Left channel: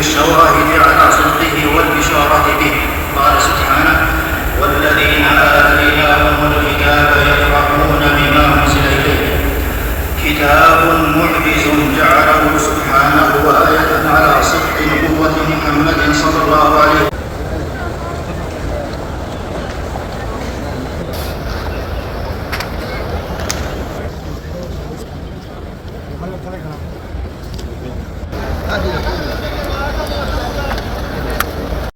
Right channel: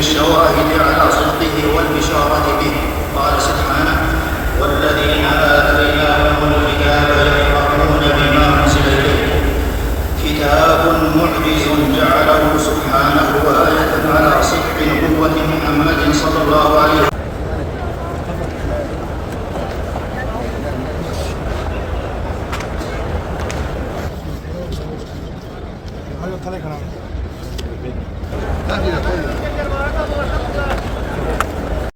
بالشواهد على صدقه والبشارة به. قال سبحانه: والذين آتيناهم الكتاب يفرحون بما أنزل إليه. كتاب معجز جعله سبحانه آية على صدق نبوة محمد صلى الله عليه وسلم. Thank you.